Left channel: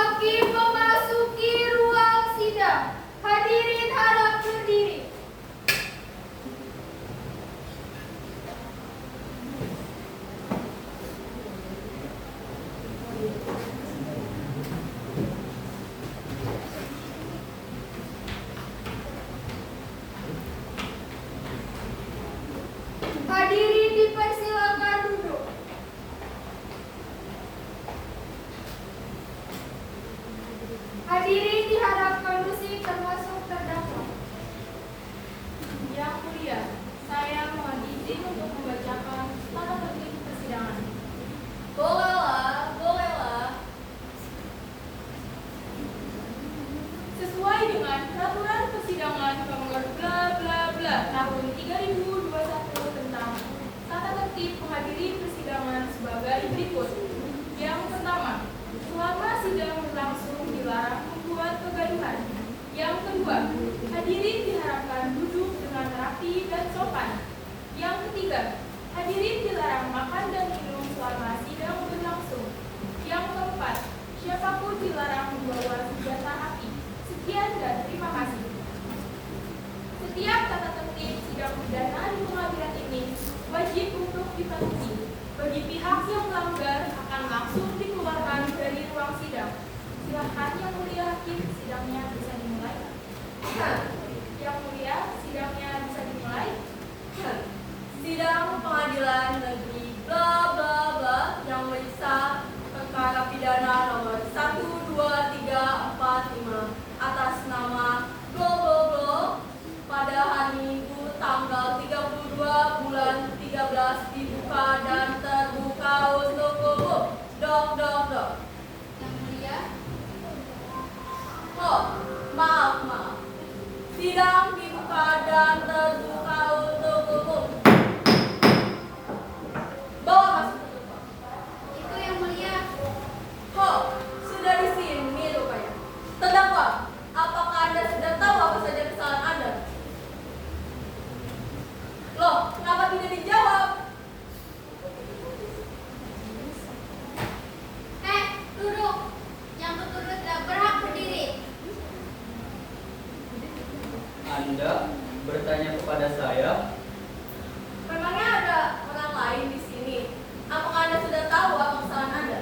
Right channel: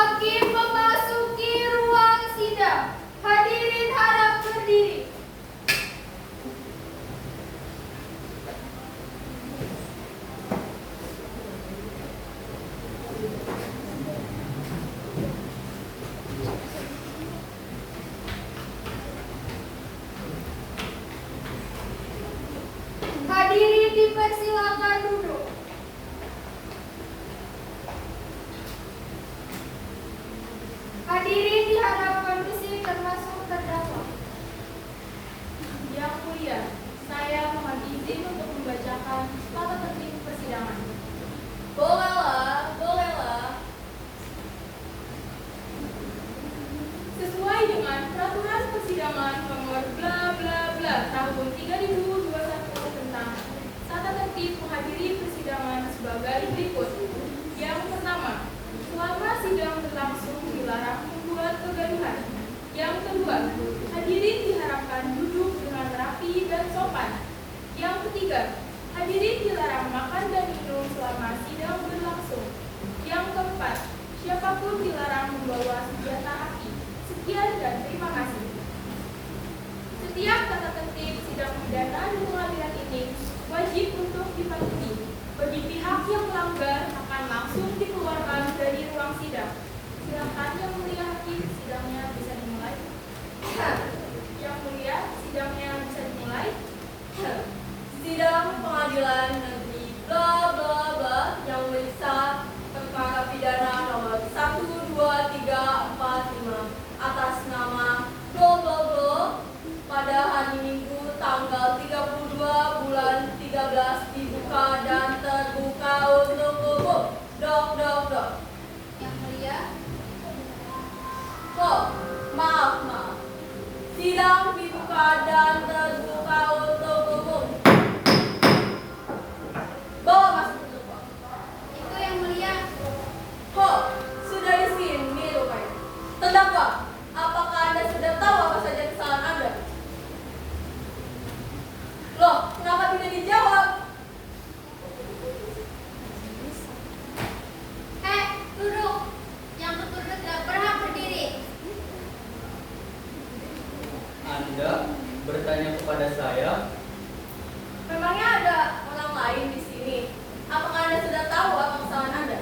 Hakim memasuki ruang sidang. Hadirin harap berdiri. Hadirin dipersilakan duduk. Hadirin diharap kondusif termasuk terdakwa. Yang mulia, saya mohon izin untuk membacakan tata tertib persidangan. Bolehlah. Sesuai dengan peraturan persidangan nomor bla bla bla tahun 3021 tentang tata tertib menghadiri persidangan sebagai berikut. Yang pertama, selama sidang berlangsung dilarang membuat kegaduhan. Yang kedua, hadirin diharapkan duduk dengan rapi dan sopan. Yang ketiga, hadirin dilarang makan dan minum selama sidang berlangsung. Yang keempat, siapapun dilarang membawa senjata api. Sekian dan terima kasih. Setiap tata tertib sidang pidana di pengadilan ini wajib untuk dipatuhi. Bagi pihak yang melanggar akan langsung dikeluarkan dari ruang sidang. Silakan Yang Mulia Hakim, sidangnya bisa dimulai. Yang Mulia, sidangnya bisa dimulai. Sidang Pengadilan Negeri bla bla bla yang memeriksa perkara pidana nomor 1, 2, 3, 4, 5 atas nama Glo pada hari Minggu tanggal 32 bulan 13 dibuka dan terbuka untuk umum. Dok. Yang mulia, Oh, maaf. Sidang dibuka dan terbuka untuk umum. Bawa masuk ke depan. itu yang mulia. Kok sudah di sini rupanya. Terdakwa, apakah Anda sudah tahu apa saja kesalahan Anda? Loh, kenapa tidak dijawab? Duduk. Yang tertuduh tidak berhak berdiri. Anda bertanya kepada saya, Memangnya ada orang lain di sini? Apakah Anda sudah tahu apa kesalahan Anda?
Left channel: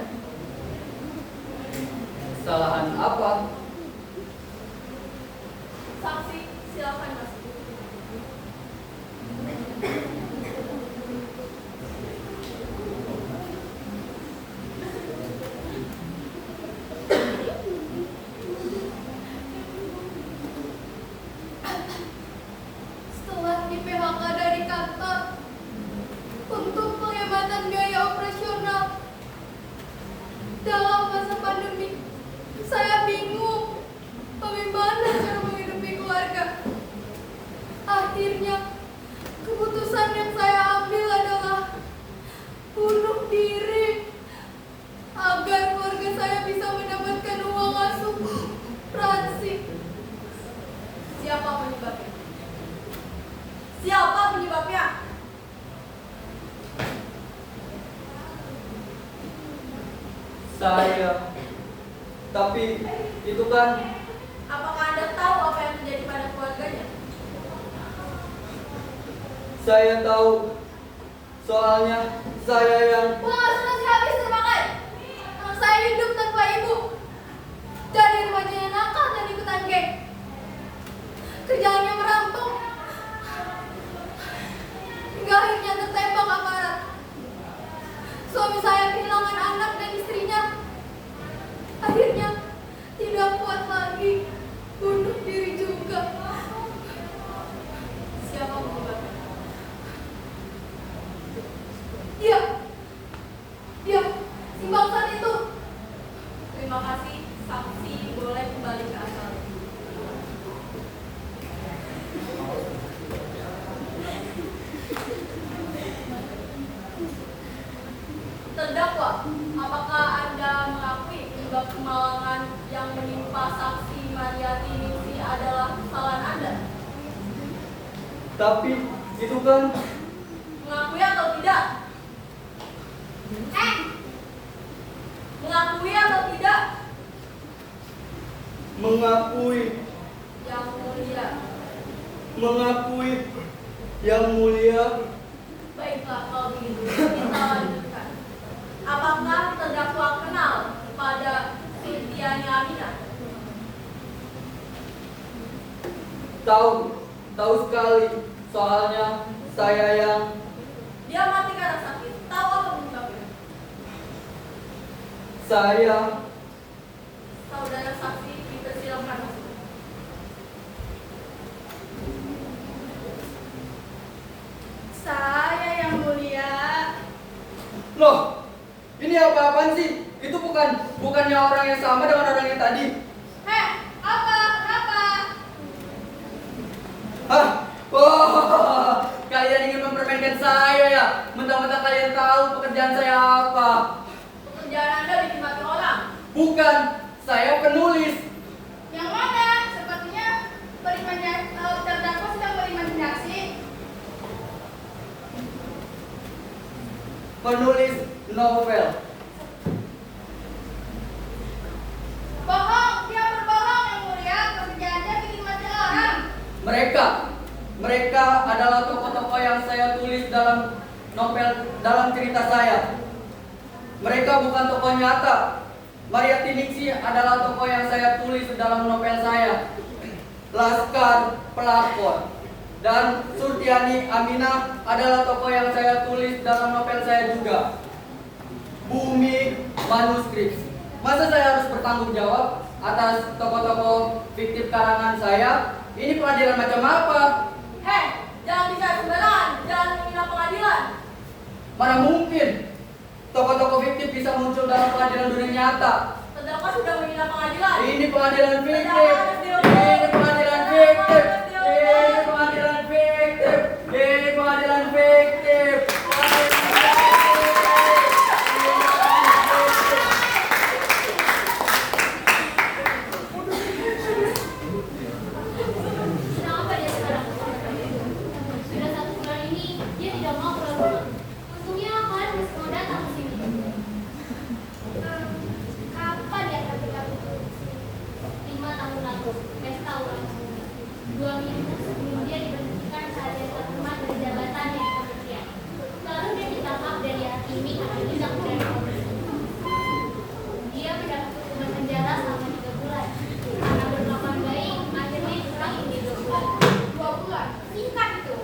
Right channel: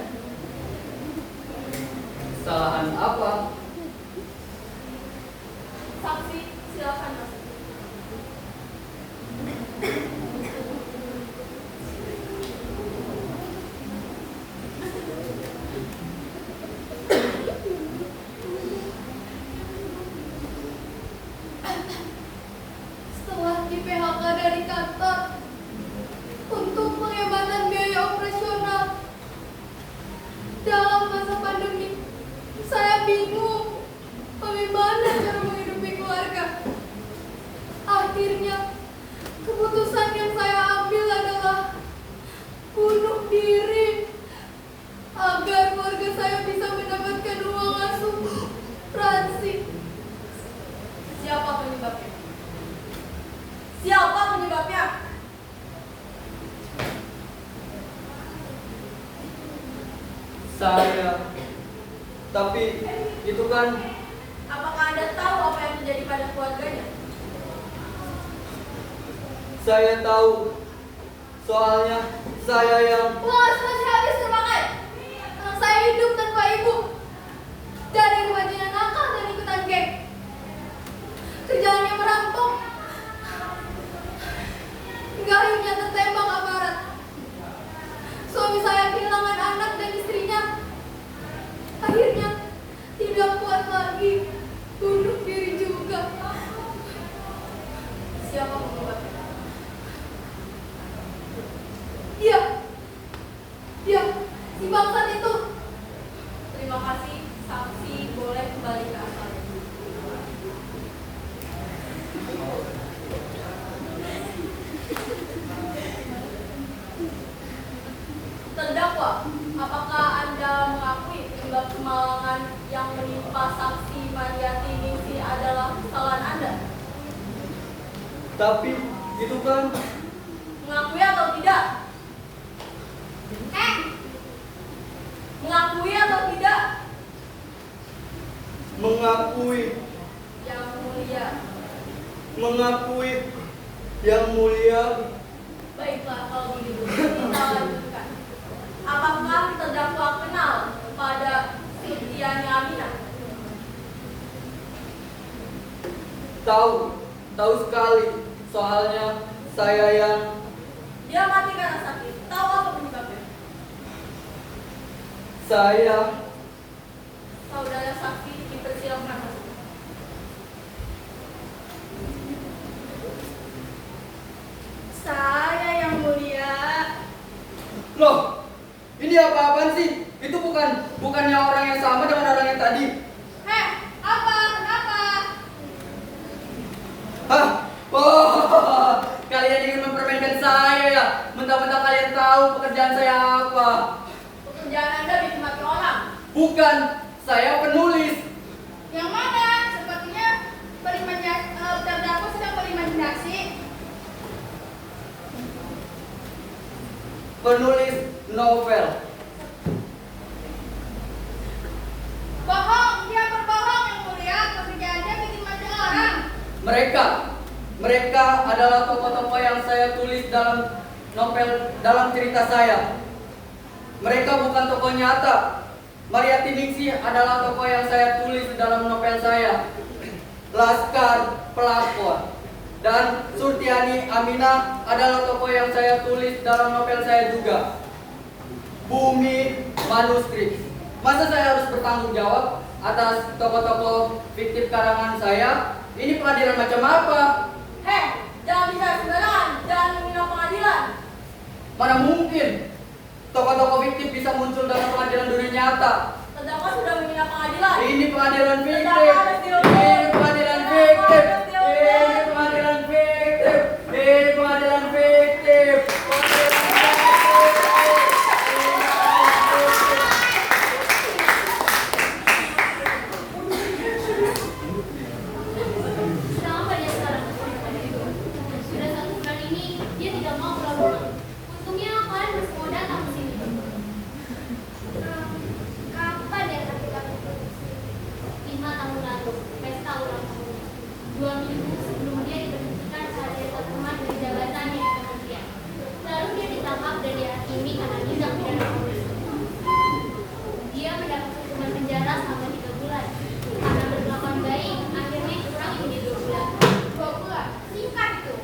kesalahan apa? Saksi, silakan masuk. Setelah di PHK dari kantor untuk penghematan biaya operasional dalam masa pandemi, saya bingung bagaimana cara menghidupi keluarga. Akhirnya keputusan yang saya ambil adalah bunuh diri agar keluarga saya bisa mendapatkan uang asuransi. Siapa penyebabnya? Siapa penyebabnya? Saya. Tapi itu kan Apakah Anda tahu apa yang terjadi pada keluarganya? saya tahu. Soalnya saya yang Wah, sudah habis termakan. Anak saya hidup tanpa ibu. Dari remaja nakal dan ikutan geng. Kerjaannya merampok. Hingga akhirnya tertembak aparat. Suami saya kehilangan anak dan istrinya. Akhirnya tidak kuat lagi. Bunuh diri juga. Siapa penyebabnya? Iya, si bangsat itu. Terima kasih, saksi boleh kembali ke asal. Terdakwa, apakah Anda mengakui penyebab kemalangan yang menimpa saksi Mariati Ningsih adalah kesalahan Anda? tapi itu kan Mengakui atau tidak? Mengakui atau tidak? mengakui, Yang mulia. mengakui yang mulia. Baiklah kalau begitu, kita lanjutkan. Apakah terdakwa kenal kepada Surtiani Aminah? Tahu sekali. Soalnya saya yang Dia mati karena sakit. Tahu apa penyebabnya? saya Saudara saksi dipersilakan masuk. Saya yang mulia. Loh, ini apa-apaan sih? Itu bukannya orang yang sama dengan orang yang tadi. Heh, apa? Kenapa? Hah? Oh, kalian ingin mempermainkan saya ya? Mentang-mentang kalian tahu pekerjaan saya apa. Pekerjaan Anda dinikmati orang. Bukan, saya penulis. Yang mana? Sepertinya terdakwa sedang berimajinasi. Penulis novel. Bohong, dia berbohong yang mulia. Pekerjaannya bikin mati orang. Mereka adalah tokoh-tokoh yang saya tulis dalam novel, dalam cerita saya. Mereka bukan tokoh nyata. Mariati Ningsih adalah tokoh yang saya tulis dalam novel saya. Laskar pelakon. Dan Surtiani Aminah adalah tokoh yang saya tulis dalam novel saya juga. Bumi manuskrip. Masa saya harus bertanggung jawab atas tokoh-tokoh fiktif karangan saya? Ini pengadilan macam apa? Hei, jangan bicara sembarangan. Jangan menghina pengadilan. Mana mungkin tokoh-tokoh fiktif bisa muncul dalam pengadilan dunia nyata? Terdakwa sudah menghina pengadilan. Ini pengadilan fiktif. Terdakwa harus dihukum. Ini pengadilan fiktif. Terdakwa harus dihukum. Ini pengadilan fiktif. Ini pengadilan fiktif. Kenapa dia sekarang? Sudah 1 bulan ini dia tidak mau pulang. Untungnya kalian masih mau datang ke sini. Kapan ya tadi datang ke sini? 5 tahun lalu, pesta ulang tahun. 2 minggu sebelum dia diberhentikan saat dia terhormat dari jabatannya di kementerian. Lalu dia ditangkap dan dihakimi karena tindak pidana korupsi. Dia mendapat hukuman penjara selama 3 bulan. Karena berkelakuan baik, akhirnya dikurangi menjadi 2 bulan. 2 bulan. Singkat itu.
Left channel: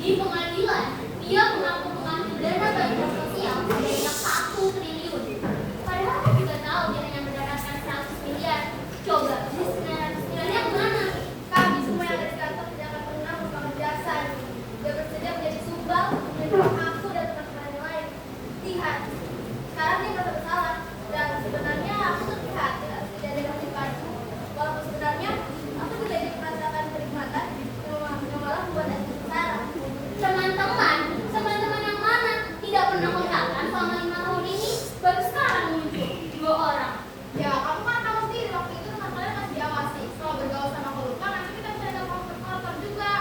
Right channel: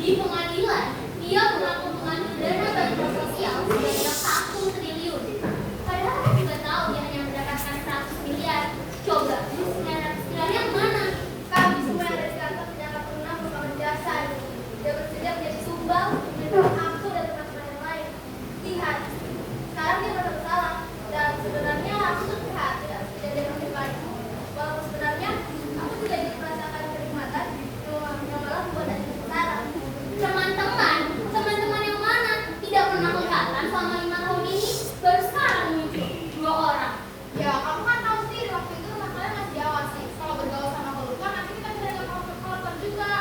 Di pengadilan, dia mengaku mengambil dana bantuan sosial sebanyak 1 triliun. Padahal dia juga tahu dia hanya mendapatkan 100 miliar. Coba, 900 miliar yang mana? Kami semua yang ada di kantor tidak akan pernah melupakan jasa. Dia bersedia menjadi sumbang untuk aku dan teman-teman yang lain. Lihat, sekarang dia merasa bersalah. Dan sebenarnya aku terlihat tidak kejadian yang menimpa. Walaupun sebenarnya aku juga ingin merasakan kenikmatan yang malah membuat aku sengsara. Teman-teman yang mana? Tidak pernah kelihatan selama 5 tahun ini, baru sekarang muncul 2 orang. Ya, kamu kan tahu sendiri waktu itu rumah kalian masih diawasi. Kalau bergaul sama koruptor, nanti kita bisa ada koruptor juga.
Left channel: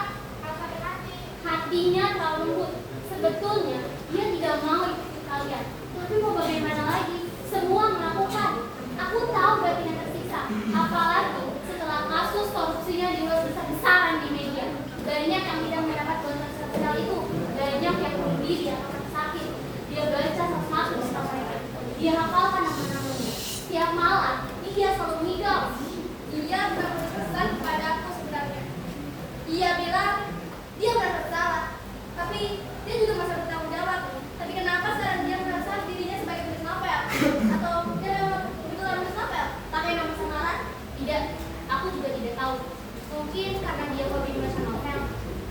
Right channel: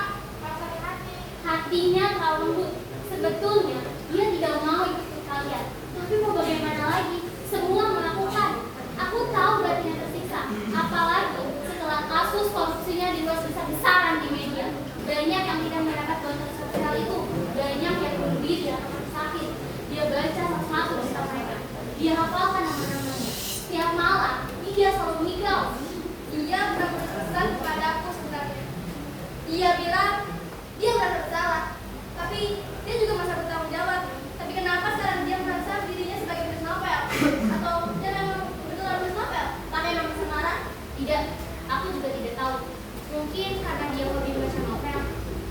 Harus hati-hati. Hatinya terlalu lembut. Sebetulnya dia tidak mau ikut kalian. Tapi mau bagaimana lagi? Semua melakukan. Aku tahu batinnya tersiksa. Apalagi setelah kasus korupsinya diulas besar-besaran di media. Banyak yang tidak mendapat bantuan sosial itu. Banyak yang bunuh diri atau mati sakit. Dia baca satu-satu di staf mereka. Dia hafalkan nama-namanya. Setiap malam dia selalu mengigau. Dia pernah berpesan kepada aku sebenarnya. Dia bilang dia merasa bersalah, tapi dia juga merasa bertanggung jawab. Tapi kenapa sekarang dia merasa dirinya sebagai penulis novel? Atau dia memang betul penulis novel? Pakai nama samaran? Tidak, aku juga tidak tahu. Mungkin karena dia hobi membaca novel.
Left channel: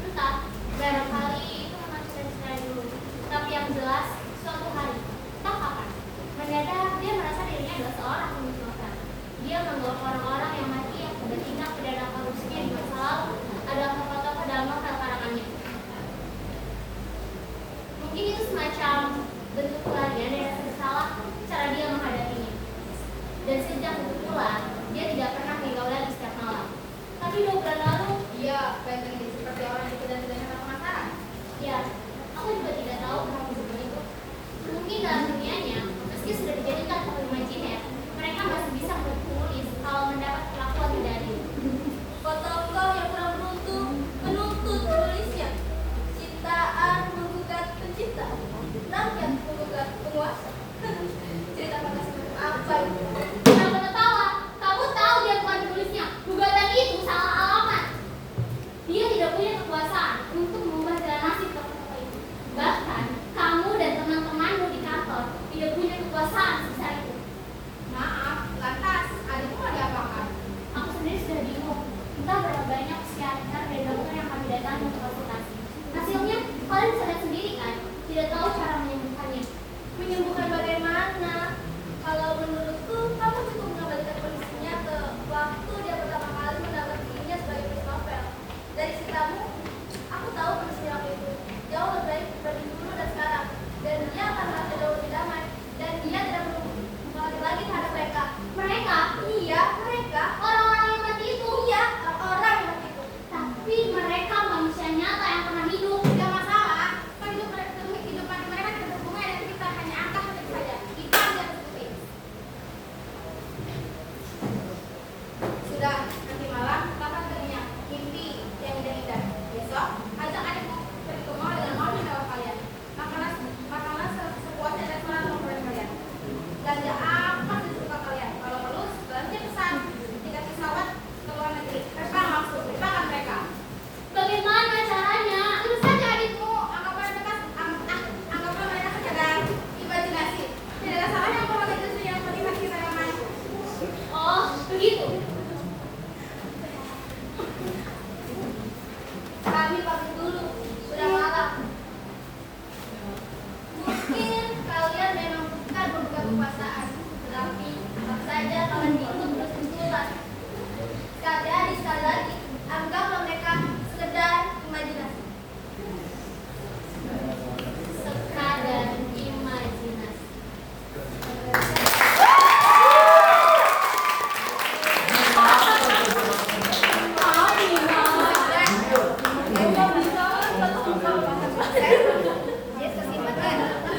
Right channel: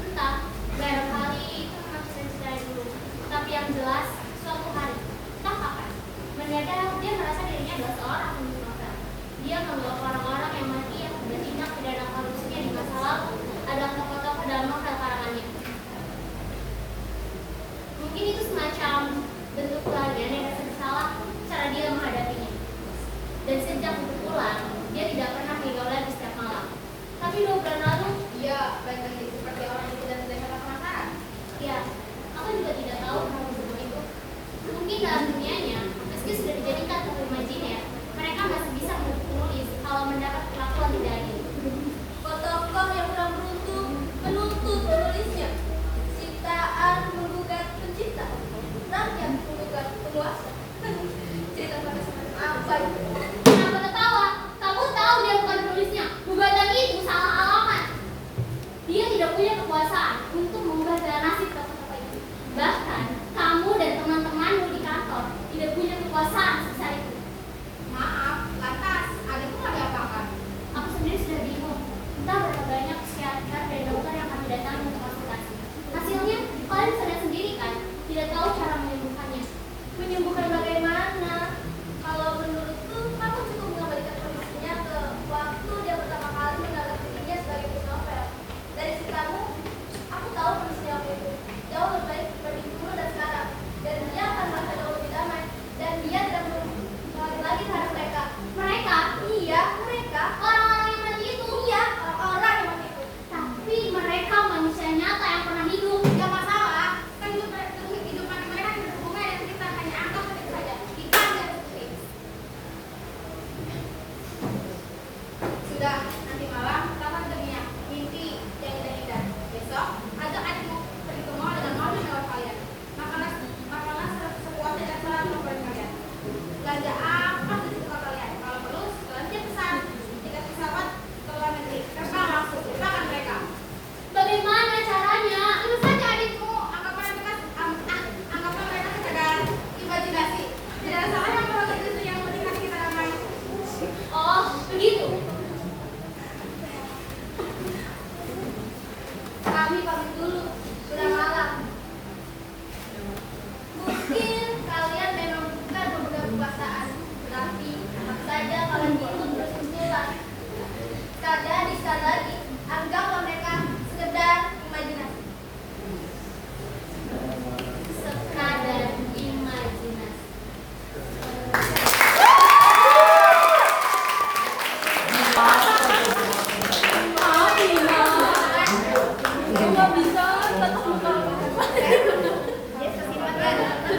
Entah, barangkali itu memang cita-cita dulu. Tapi yang jelas, suatu hari, entah kapan, mendadak dia merasa dirinya adalah seorang penulis novel. Dia menganggap orang-orang yang mati akibat tindak pidana korupsinya di masa lalu adalah tokoh-tokoh dalam novel karangannya. Mungkin itu semacam bentuk pelarian dari rasa bersalah, cara dia menghadapinya. Dan sejak itu pula, dia tidak pernah mengigau lagi setiap malam. Tapi 2 bulan lalu, Dia pengen jadi seperti orang itu dan tidak kata penasaran. ya, aku juga tidak tahu kenapa begitu. Mungkin dalam dunianya, meski sudah dijadikan tokoh imajiner, mereka masih bisa menulis kalau mendapat perlakuan tidak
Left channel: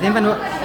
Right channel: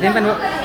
Simpan, Bu.